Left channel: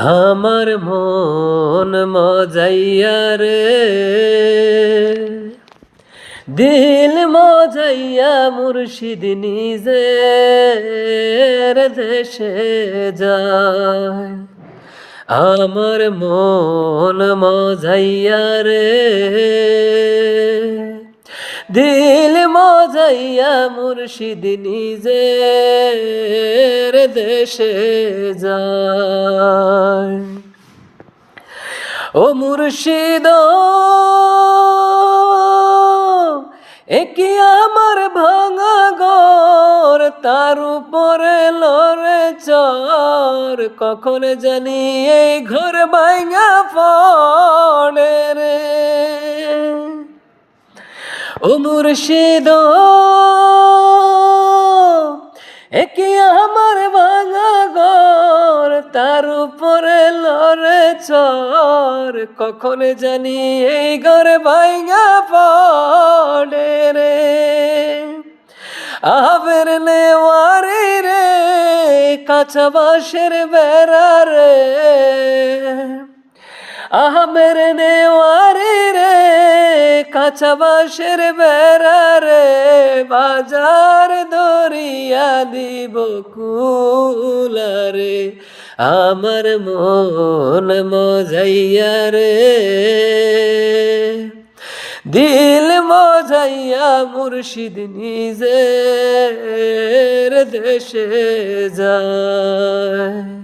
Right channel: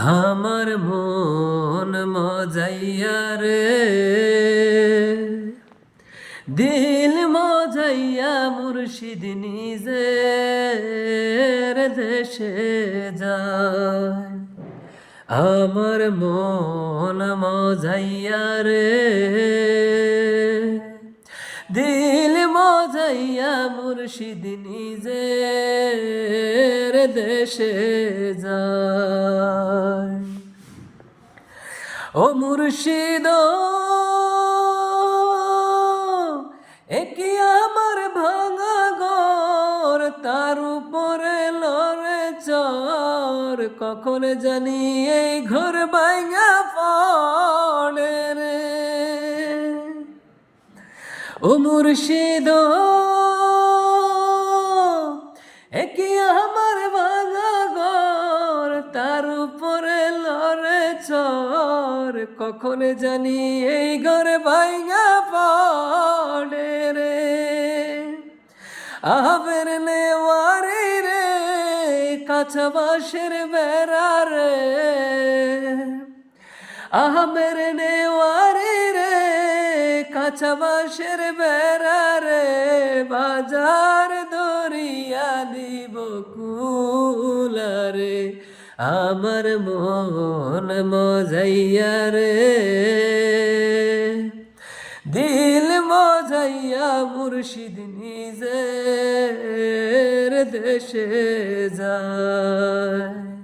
আমার মন মজাইয়া রে, দিল মজাইয়া মুর্শিদ নিজের দেশে যায়। আমার মন মজাইয়া রে, দিল মজাইয়া মুর্শিদ নিজের দেশে যায়। ও মুর্শিদ একি আমার ভাঙা ঘর, তার উপরে লড়ে চর, কখন জানি এই ঘর ভাঙা পড়ে রে। ও মুর্শিদ একি আমার ভাঙা ঘর, তার উপরে লড়ে চর, কখন জানি এই ঘর ভাঙা পড়ে রে। আবের নেওয়ারি রে, কাঁচা বাঁশের বেড়া রে, আমের নেওয়ারি রে, কাঁচা বাঁশের বেড়া রে, বাজার দরিয়া দিব কুলারে। আমার মন মজাইয়া রে, দিল মজাইয়া মুর্শিদ নিজের দেশে যায়।